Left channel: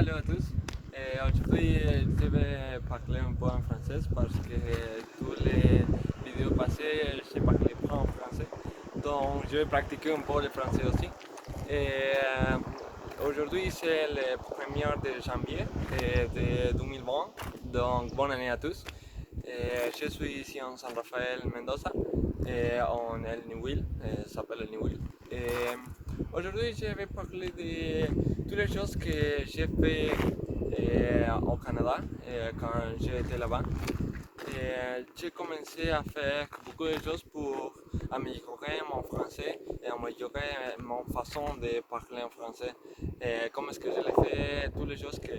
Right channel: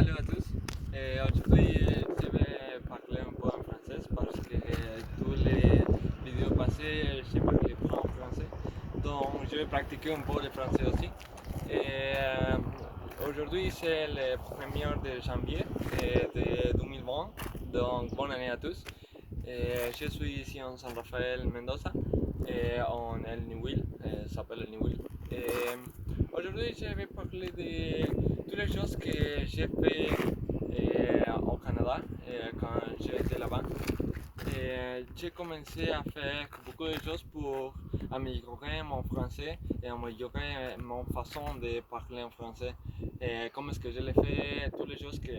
Hello à tous. Aujourd'hui, je vais parler un peu en français parce que tous les vidéos passées, j'ai parlé pas en français. Donc, je vais pratiquer un peu le français aussi. Aujourd'hui, c'est le 1er de janvier de 2020. Donc, bonne année à tous. Je suis ici en San Rafael, Mendoza, en El Niwil, ça s'appelle El Niwil. Aujourd'hui, je vais parler de toutes les choses que j'ai fait au Canada quand j'étais là-bas. J'ai commencé à faire beaucoup de choses pour améliorer mon français et améliorer mon façon de parler en français. Comment est-ce que je l'ai fait, toutes les choses que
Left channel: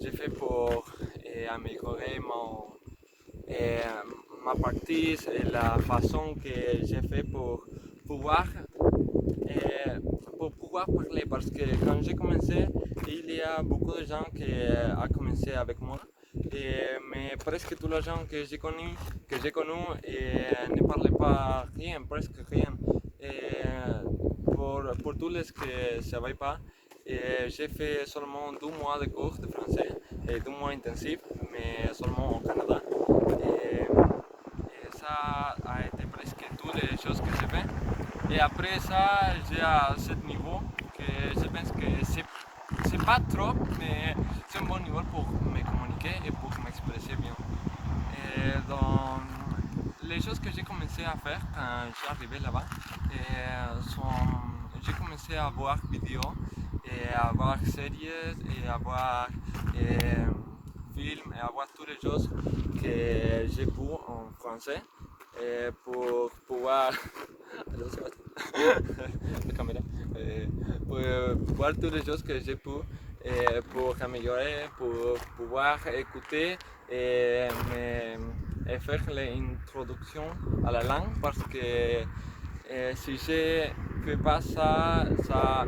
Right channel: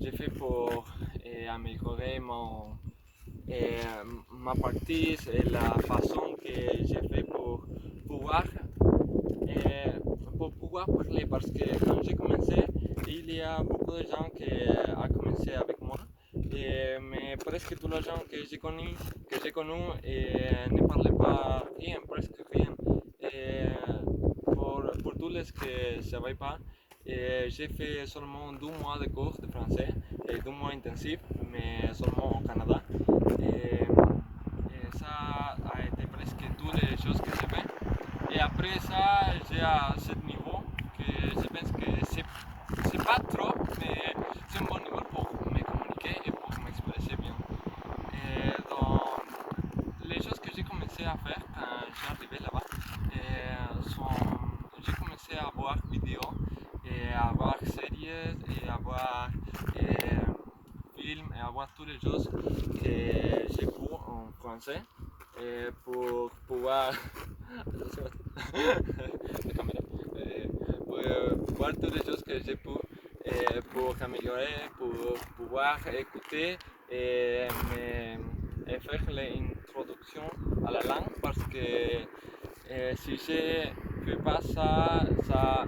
j'ai fait pour améliorer euh, ma partie et la façon que j'ai fait pouvoir, euh, pour pouvoir parler. Parce que quand j'ai commencé, il y a beaucoup de gens qui ont commencé avec moi. Mais presque tous les gens que j'ai connus ne parlaient pas rien, presque rien. Pour tous les qui ne savaient pas, j'ai fait seulement 2 mois de cours de français, 2 mois intensifs, mais seulement au Canada. Ça a été presque toutes les choses que j'ai fait. Et après ça, j'ai à ce niveau que je pense que c'est pas trop, mais c'est un bon niveau pour me communiquer et pour m'exprimer bien. Donc, les choses que j'ai commencé à faire quand j'ai arrivé là-bas sont, j'ai commencé à voir vidéos et à voir séries et à voir films et à voir toutes les choses que j'ai pu en français pour pouvoir la caméra, pour voir toutes les choses que j'ai pu pour améliorer, pour pouvoir écouter et faire l'introduction à la langue parce que si je ne fais pas ça, ça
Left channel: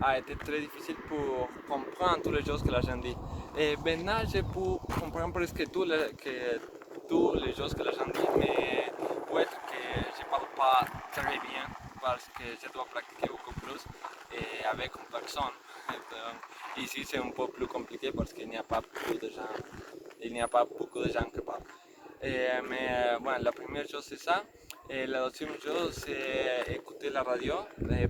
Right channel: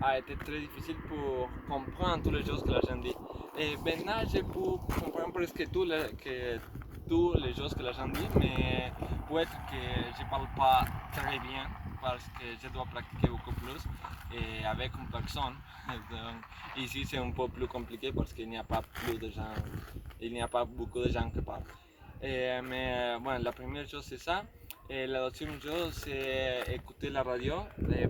a été très difficile pour comprendre toutes les choses que la gente dit. Et maintenant, je peux comprendre presque toutes les choses que la gente dit, mais peut-être que je ne parle pas très bien parce que je dois pratiquer beaucoup plus avec une personne. Donc, ici, c'est un peu plus compliqué parce qu'il n'y a pas plus de gens, il n'y a pas beaucoup de gens qui parlent. Mais bueno, la première chose c'est ça. La deuxième chose c'est écouter la radio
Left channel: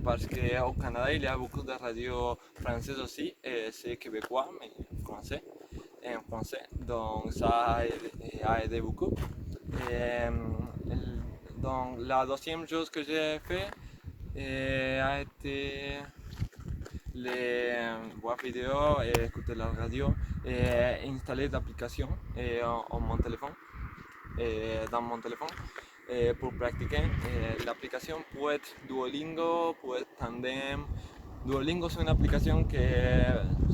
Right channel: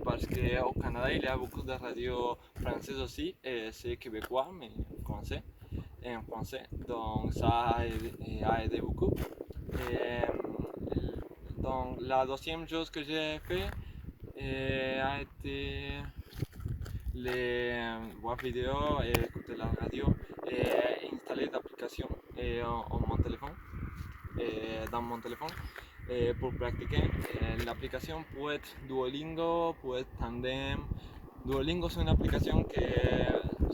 parce qu'au Canada il y a beaucoup de radios françaises aussi, c'est québécois mais français, en français, donc ça a aidé beaucoup. Et, donc la deuxième chose que j'ai fait a été voir vidéos et écouter la radio et installer l'application en mon téléphone. Dans mon téléphone pour pratiquer. L'application peut être Duolingo, peut être Tandem. Duolingo c'est une application que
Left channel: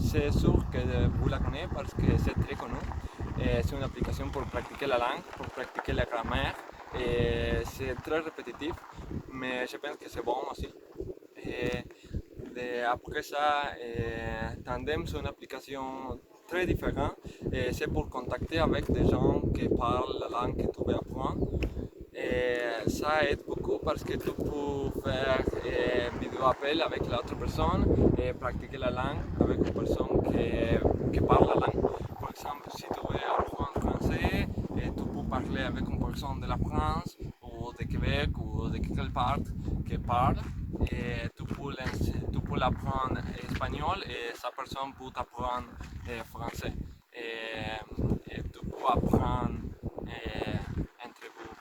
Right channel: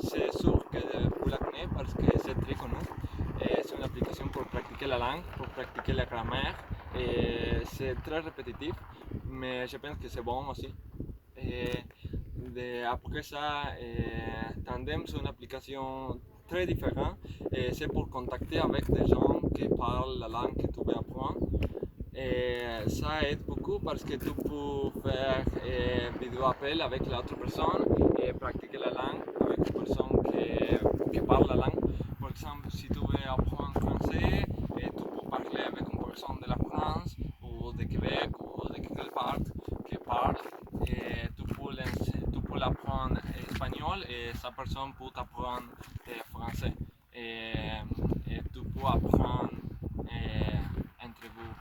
c'est sûr que vous la connaissez parce que c'est très connu. C'est une application pour pratiquer la langue, pour pratiquer la grammaire. C'est très répétitif, mais je pense que c'est bon aussi. Après ça, Tandem c'est une application très différente. C'est pour contacter avec des gens qui parlent la langue que tu veux apprendre. Ça aide beaucoup parce que tu peux faire vidéo appel avec l'autre personne et pratiquer la langue avec une personne qui parle la langue. Par exemple, si tu veux apprendre français, tu peux parler avec une personne de la France ou de Québec ou de quelque part qui parle. Tu peux l'apprendre espagnol et sa personne peut t'apprendre français. Tu peux apprendre entre vous.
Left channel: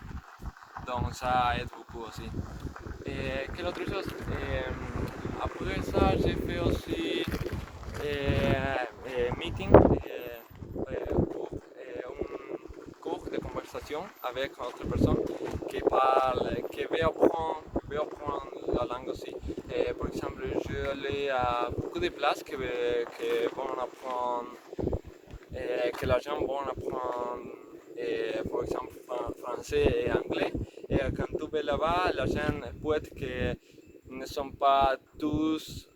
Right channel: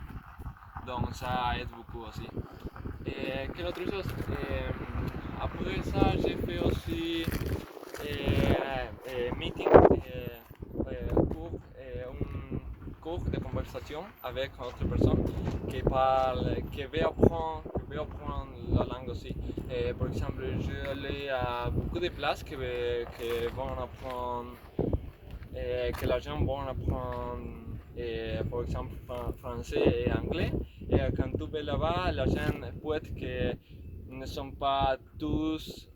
Donc ça aide beaucoup aussi. Quelle autre chose? Après ça, j'ai fait aussi meeting, un cours de conversation avec autre personne qui parle, qui veut apprendre la langue aussi. Par exemple, je allais à beaucoup de places qui vont apprendre, que les gens vont apprendre, par exemple, français et anglais. Et quand tu vas là-bas, les gens peut-être que ne sont pas tous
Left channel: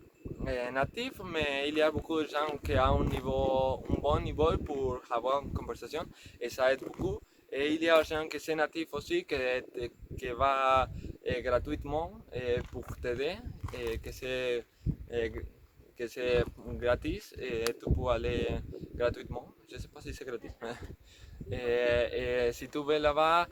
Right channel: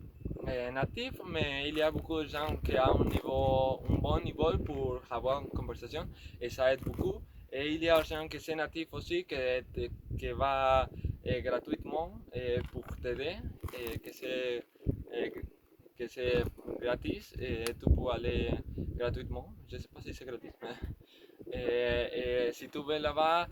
natifs, mais il y a beaucoup de gens qui ont un bon niveau pour avoir une conversation et ça aide beaucoup. Et il y a des gens qui sont natifs aussi qui va gratuitement pour t'aider, que c'est que c'est gratis et tu peux aller gratuitement. Je ne sais pas si c'est gratis. Et si tu vas là-bas,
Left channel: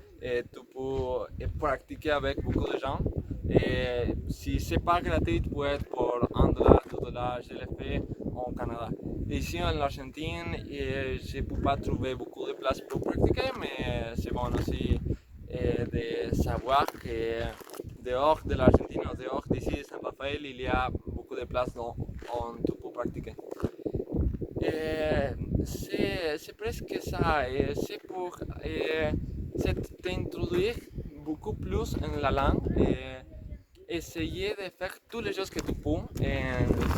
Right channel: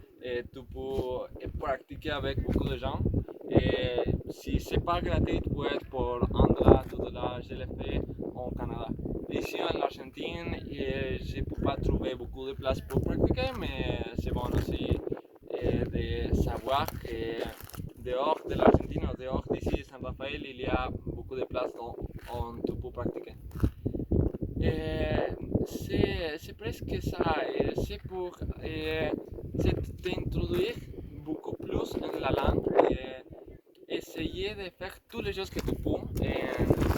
tu peux pratiquer avec beaucoup de gens. Et si c'est pas gratuit, tu peux être pour $1, $2, je l'ai fait au Canada. Ici en Argentine, je ne peux pas trouver beaucoup de places pour pratiquer, mais c'est bon aussi de savoir que dehors de l'Argentine ou dehors d'ici de San Rafael, il y a beaucoup de places où tu peux pratiquer. C'est presque ça, c'est pour t'introduire beaucoup plus en la langue, essayer de faire toutes les choses que tu peux en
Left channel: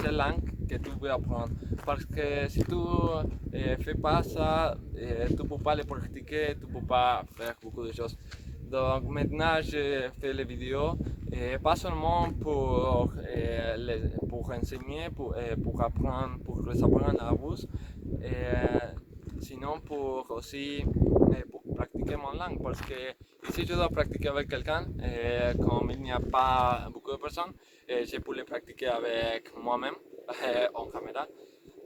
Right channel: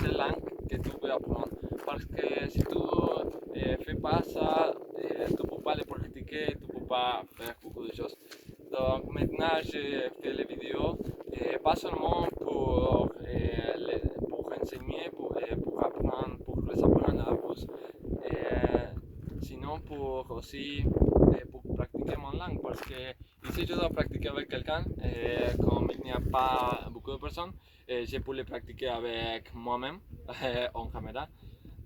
cette langue que tu veux apprendre. Parce que si tu ne fais pas ça, tu ne peux pas le pratiquer, tu ne peux pas faire beaucoup de choses. Donc maintenant, je fais les vidéos, pas seulement pour enseigner, pour apprendre, pour les apprendre à vous, sinon pour aussi pour pratiquer mon langue. Parce que ici, je dois pratiquer avec quelqu'un, comme il n'y a pas beaucoup de personnes, je peux le pratiquer avec moi-même en caméra.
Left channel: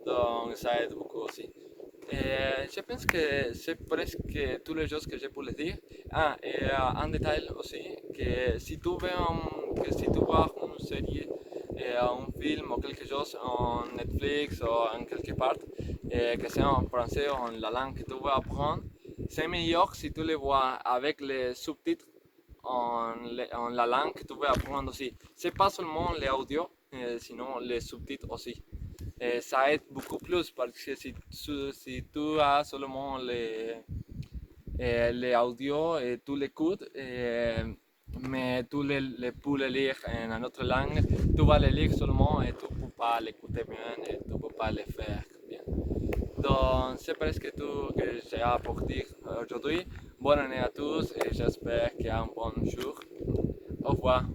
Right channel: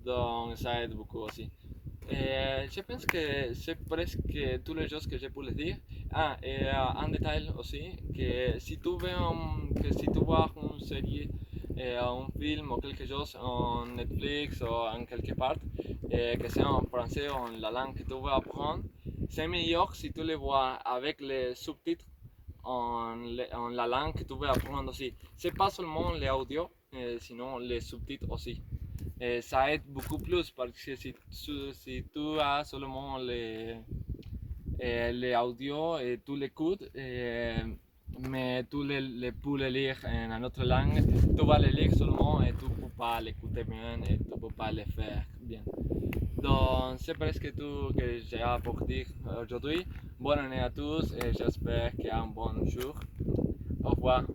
Donc ça aide beaucoup aussi. Je pense que c'est presque toutes les choses que je peux le dire. Ah, et un détail aussi, que si tu veux, que si tu vois une série, un film ou quelque chose en Netflix ou en quelque part, que c'est en français ou en la langue que tu veux apprendre, c'est meilleur si tu le vois avec les sous-titres en la langue que tu veux apprendre aussi. C'est pas seulement l'audio, sinon les sous-titres aussi. Ça aide beaucoup plus parce que si tu as seulement les audios et tu l'écoutes, mais tu peux le lire en une autre langue, tu vas le lire seulement et tu ne peux pas l'écouter bien et tu ne peux pas le faire bien. Donc c'est presque tout que j'ai à pour dire aujourd'hui. Bonne année à tous et j'espère qu'il y a un bon jour. Au revoir.